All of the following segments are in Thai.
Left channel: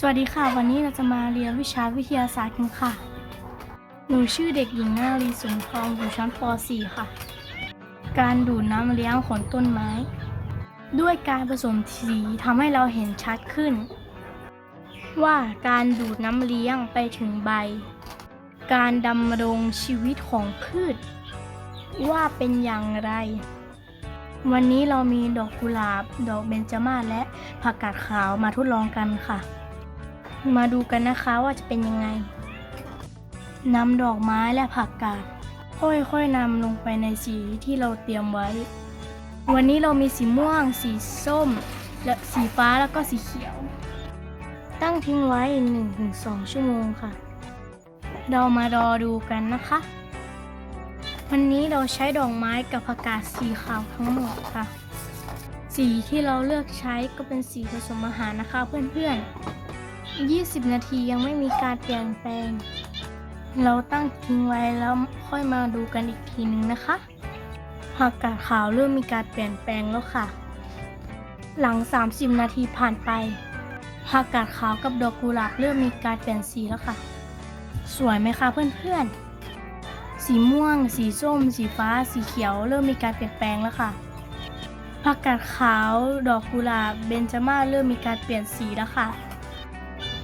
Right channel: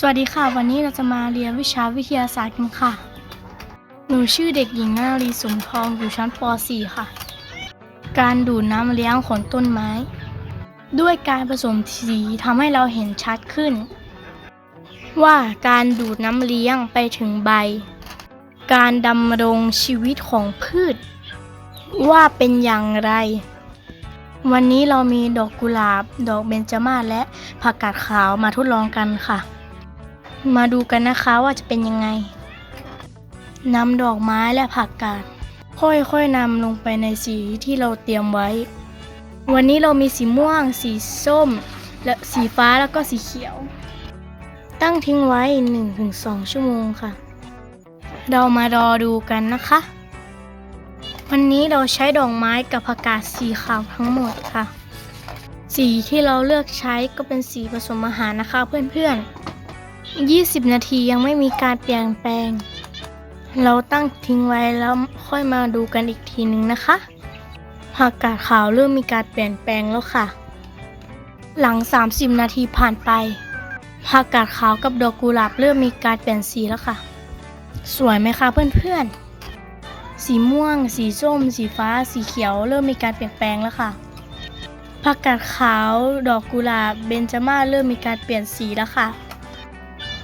สวัสดีค่ะ วันนี้เราจะมาเรียนวิชาวิทยาศาสตร์กันค่ะ หนูชื่อเด็กหญิงนารีสุนทองอยู่ชั้นป .4 ค่ะ การดูดน้ำเลี้ยงของต้นไม้ ด้วยการผสมสีทำให้เราเห็นชัดขึ้น ว่าการดูดน้ำเลี้ยงไปถึงใบ การดำรงชีวิตของพืช ว่าเป็นอย่างไร วันนี้เรามีดอกกุหลาบ ดอกเบญจมาศและผักกาดขาวมาทดลองกันค่ะ มาดูกันนะคะว่าจะเป็นยังไงนำดอกไม้และผักกาดค่อยๆนำลงไปในสีที่เราเตรียมไว้ วันนี้เรามีสีม่วง สีส้ม และสีฟ้าแล้วก็สีเขียว ตั้งทิ้งไว้ 1-2 ชั่วโมงค่ะ เรามารอดูกันนะคะ วันนี้เราใช้ดอกไม้กับผักกาดสีขาวทั้งหมดค่ะ สีที่เราเลือกใช้ก็เป็นสีผสมอาหารนะคะเพื่อนๆ 20 นาทียังไม่มีการเปลี่ยนแปลง เราตั้งทิ้งไว้แล้วค่อยมาดูกันอีกทีหนึ่งนะคะผักกาดขาวเริ่มมีการเปลี่ยนแปลงแล้วค่ะ หลัง 30 นาทีผ่านไปผักกาดขาวกับดอกกุหลาบเริ่มมีการเปลี่ยนสีแล้วค่ะ สวยไหมคะเพื่อนๆ สีม่วง สีส้ม สีฟ้า สีเขียว เริ่มมีการเปลี่ยนแปลงแล้วค่ะผักกาดขาว ดอกกุหลาบ เบญจมาศเริ่มมีการเปลี่ยนสีแล้วค่ะ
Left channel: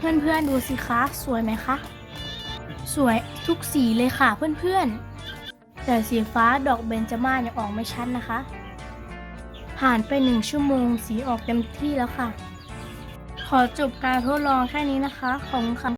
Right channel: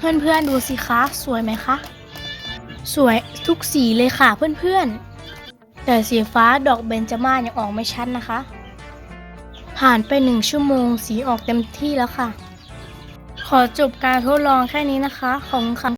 เพื่อนๆดูสิคะ สวยไหมคะ สวยทุกสีเลยค่ะเพื่อนๆ แต่สีฟ้าดอกเบญจมาศยังออกไม่ชัดนะคะ ผ่านไปหนึ่งชั่วโมงสีออกเต็มที่แล้วค่ะ ขอจบการทดลองแค่นี้นะคะ ของคัน